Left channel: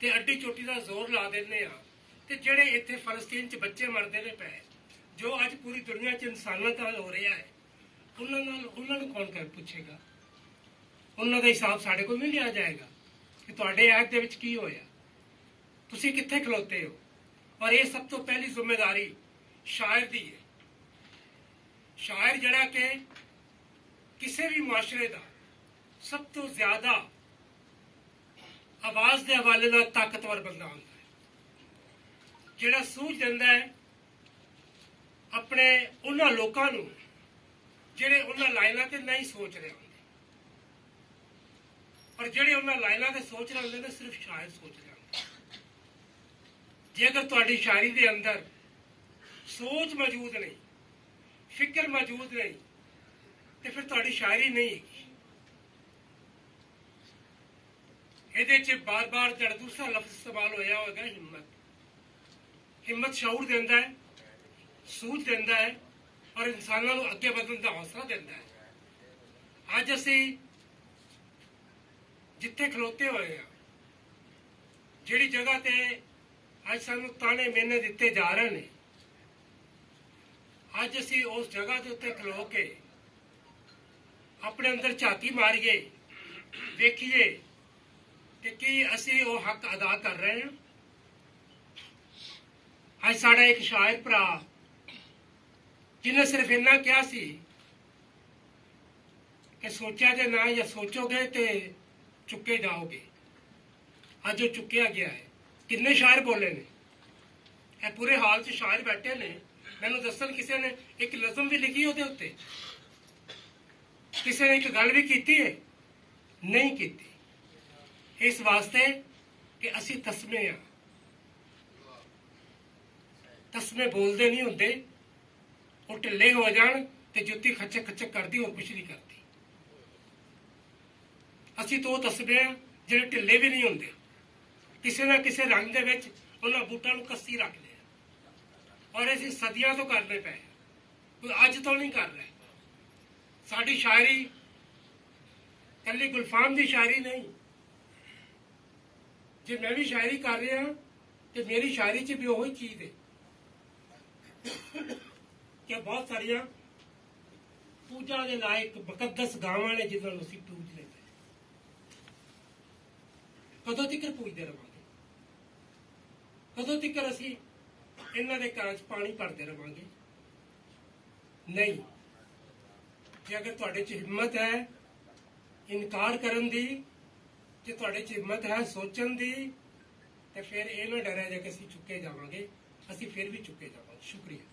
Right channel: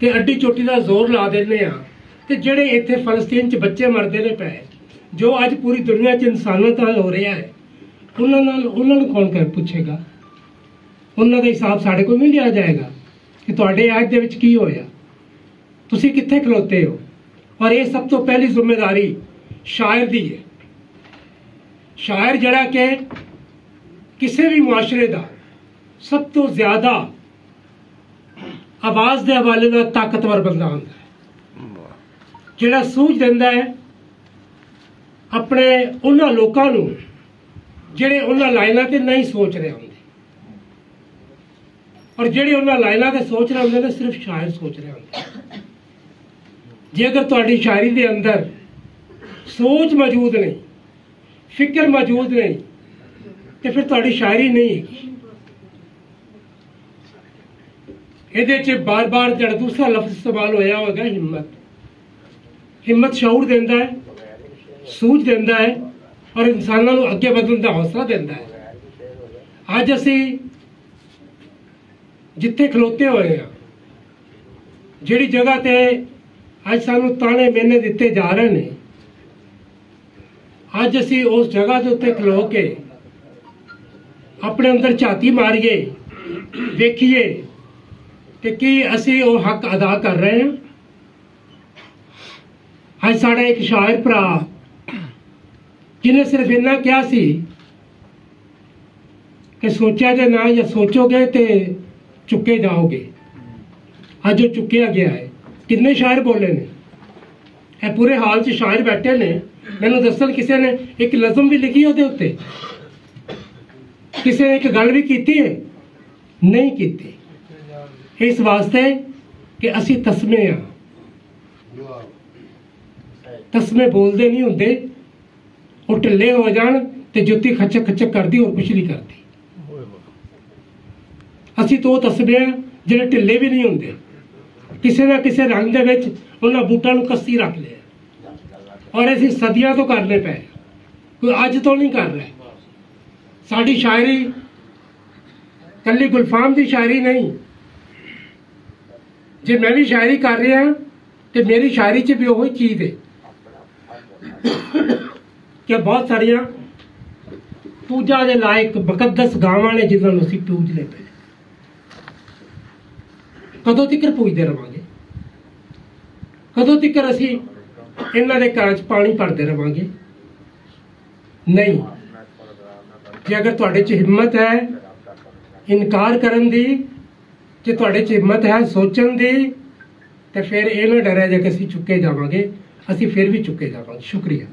ਤੇ ਅੱਡੀ ਚੋਟੀ ਦਾ ਜ਼ੋਰ ਲਾ ਦਿੰਦੇ ਆ ਤੇ ਜਿਹੜੇ ਇੱਥੇ ਫਲਸਤੀਨ 'ਚ ਬੱਚੇ ਮਰਦੇ ਨੇ ਪਏ, ਜੋ ਅੱਜ ਪੂਰੀ ਦੁਨੀਆ 'ਚ ਇਨਸਾਨੀਅਤ ਨਾਲ ਹੋ ਰਿਹਾ ਹੈ, ਉਹਨਾਂ ਨੂੰ ਕੌਣ ਕਰ ਪੁੱਛੇਗਾ? ਉਹਨਾਂ ਦਾ ਹਿਸਾਬ ਸਾਡੇ ਕੋਲ ਨਹੀਂ ਲਿਆ ਜਾਏਗਾ ਕਿ ਤੁਹਾਡੇ ਐਕਟ ਦੇ ਵਿੱਚ ਕੀ ਹੋਇਆ, ਤੁਸੀਂ ਕਿੱਥੇ ਖਲੋਤੇ ਹੋ। ਔਰ ਇਹ ਸਭ ਤੋਂ ਪਹਿਲੀ ਜ਼ਿੰਮੇਵਾਰੀ ਸ਼ਾਇਰ ਦੀ ਹੈ। ਸ਼ਾਇਰ ਜਿਹੜਾ ਕਿ ਕਿਸੇ ਵੀ ਮੁਆਸ਼ਰੇ ਦਾ ਸਭ ਤੋਂ ਜ਼ਿਆਦਾ ਆਵਾਜ਼ ਦੇ ਹਵਾਲੇ ਨਾਲ ਤਾਕਤਵਰ ਬੰਦਾ ਹੁੰਦਾ ਹੈ, ਜਿਹੜਾ ਸੂਝ ਦਿੰਦਾ ਹੈ ਆਪਣੇ ਉਹਨਾਂ ਲੋਕਾਂ ਨੂੰ ਜਿਹੜੇ ਉਹਨਾਂ ਲਾਈਨਾਂ ਤੇ ਨਹੀਂ ਸੋਚ ਰਹੇ ਹੁੰਦੇ, ਔਰ ਜਿਹੜੇ ਉਹਨਾਂ ਲਾਈਨਾਂ ਤੇ ਸੋਚ ਰਹੇ ਹੁੰਦੇ ਨੇ ਸਿਰਫ ਸ਼ਾਇਰ ਸੋਚ ਰਹੇ ਹੁੰਦੇ। ਜੇ ਅਗਰ ਤੁਹਾਡੀ ਸ਼ਾਇਰੀ ਦੇ ਅੰਦਰ ਸੋਚ ਮੌਜੂਦ ਨਹੀਂ, ਫਿਕਰ ਮੌਜੂਦ ਨਹੀਂ, ਤੇ ਫਿਰ ਤੁਹਾਡੀ ਸ਼ਾਇਰੀ ਨਹੀਂ ਹੈਗੀ। ਇਹਦੇ 'ਚ ਬਾਰ-ਬਾਰ ਜਿਹੜਾ ਦੂਸਰਾ ਲਫ਼ਜ਼ ਇਸਤੇਮਾਲ ਹੋਇਆ ਹੋਵੇਗਾ ਹਿੰਮਤ। ਹਿੰਮਤ ਸ਼ਊਰ ਦਿੰਦਾ ਹੈ, ਸੂਝ ਦਿੰਦਾ ਹੈ, ਔਰ ਇਨਸਾਨਾਂ ਨੂੰ ਅੱਗੇ ਵਧਣ ਦਾ ਹੌਸਲਾ ਦਿੰਦਾ ਹੈ। ਅੱਜ ਅਸੀਂ ਜਿੱਥੇ ਖਲੋਤੇ ਹੋਏ ਹਾਂ, ਜਿਹੜੀ ਜਗ੍ਹਾ ਤੇ ਅੱਜ ਸਾਨੂੰ ਤਾਣੇ ਮੇਨੇ ਦਿੱਤੇ ਜਾ ਰਹੇ ਨੇ, ਅੱਜ ਅਸੀਂ ਉਸ ਜਗ੍ਹਾ ਦੇ ਉੱਤੇ ਖਲੋ ਕੇ ਆਪਣੇ ਅੰਦਰ ਝਾਤੀ ਮਾਰੀਏ, ਵੇਖੀਏ ਕਿ ਕੀ ਅਸੀਂ ਉਹ ਹੱਕ ਅਦਾ ਕਰ ਰਹੇ ਹਾਂ। ਅੱਜ ਸਾਡਾ ਇੱਕ ਸ਼ਾਇਰ ਭਰਾ ਜਿਹਨੇ ਸਿਰਫ ਇੰਨਾ ਕਿਹਾ ਸੀ ਕਿ ਸੋਚਿਆ ਜੇ ਨਾ ਜਾਂ ਸੋਚੋਗੇ ਤੇ ਚੁੱਕੇ ਜਾਓਗੇ, ਅੱਜ ਉਹ ਚੁੱਕਿਆ ਗਿਆ ਹੈ। ਕਿੰਨੇ ਸ਼ਾਇਰ ਬੋਲੇ ਨੇ, ਇਹ ਪੂਰੇ ਹਾਲ 'ਚ ਸ਼ਾਇਰ ਬੈਠੇ ਨੇ। ਮੈਨੂੰ ਦੱਸਣ ਕਿਸੇ ਨੇ ਇੱਕ ਨਜ਼ਮ ਵੀ ਲਿਖੀ ਉਹਦੇ ਉੱਤੇ, ਕਿਸੇ ਨੇ ਇੱਕ ਗੱਲ ਵੀ ਕੀਤੀ ਹੈ? ਨਹੀਂ ਕੀਤੀ। ਇਸ ਵਾਸਤੇ ਕਿ ਅਸੀਂ ਤਸਮੇ ਆ, ਤਸਮੇ ਬੋਲਦੇ ਨਹੀਂ ਹੁੰਦੇ, ਉਹ ਢਿੱਲੇ ਹੋ ਜਾਣ ਤੇ ਜੁੱਤੀ ਖੱਚਕ ਖੱਚਕ ਕਰਦੀ, ਹੋਰ ਕੁਛ ਨਹੀਂ ਕਰਦੀ। ਅਸੀਂ ਤਾਂ ਉਹ ਤਸਮੇ ਆ ਜਿਹੜੇ ਢਿੱਲੇ ਵੀ ਨਹੀਂ ਹੁੰਦੇ, ਕਿਸੇ ਨਾ ਕਿਸੇ ਰੰਗ ਦੇ ਵਿੱਚ ਉਹਨਾਂ ਬੂਟਾਂ ਨੂੰ ਕੱਸੀ ਰੱਖ ਲਿਆ, ਔਰ ਅਸੀਂ ਸਦੀਆਂ ਤੋਂ ਕਰਨੇ ਪਏ, ਕੋਈ ਅੱਜ ਤੋਂ ਨਹੀਂ ਕਰ ਰਿਹਾ। ਸਾਡੀ ਸ਼ਾਇਰੀ ਕੱਲੀ ਗੁਲਫਾਮ ਦੀ ਸ਼ਾਇਰੀ ਨਹੀਂ। ਜੇ ਮੈਂ ਵੀ ਸ਼ਾਇਰੀ ਕਰ ਰਿਹਾ ਤੇ ਮੇਰੀ ਸ਼ਾਇਰੀ 'ਚ ਵੀ ਉਹੀ ਚੀਜ਼ ਹੈ ਕਿ ਬਹੁਤ ਸਾਰੀਆਂ ਪੂਜਾ ਦੇ ਲਾਇਕ ਮੁਕੱਦਸ ਗਾਵਾਂ ਨੇ ਜਿਨ੍ਹਾਂ ਨੂੰ ਅਸੀਂ ਪੂਜਦੇ ਪਏ। ਕਦੋਂ ਤੱਕ ਪੂਜਦੇ ਰਵਾਂਗੇ? ਕਦੋਂ ਤੱਕ ਅਸੀਂ ਇਹਨਾਂ ਦੇ ਘਰਾਂ 'ਚ ਪਾਣੀ ਭਰਦੇ ਰਵਾਂਗੇ? ਨਹੀਂ। ਜੇ ਅਗਰ ਤੁਹਾਡੇ 'ਚ ਹਿੰਮਤ ਹੈ ਇਨਕਾਰ ਕਰਨ ਦੀ, ਜੇ ਤੁਹਾਡੇ 'ਚ ਹਿੰਮਤ ਹੈ ਸੋਚਣ ਦੀ, ਤੇ ਫਿਰ ਇਹ ਨਾ ਡਰਿਆ ਜੇ ਕਿ ਅਸੀਂ ਚੁੱਕੇ ਜਾਵਾਂਗੇ। ਅਸੀਂ ਫਿਰ ਵੀ ਚੁੱਕੇ ਜਾਵਾਂਗੇ। ਸ਼ੁਕਰੀਆ।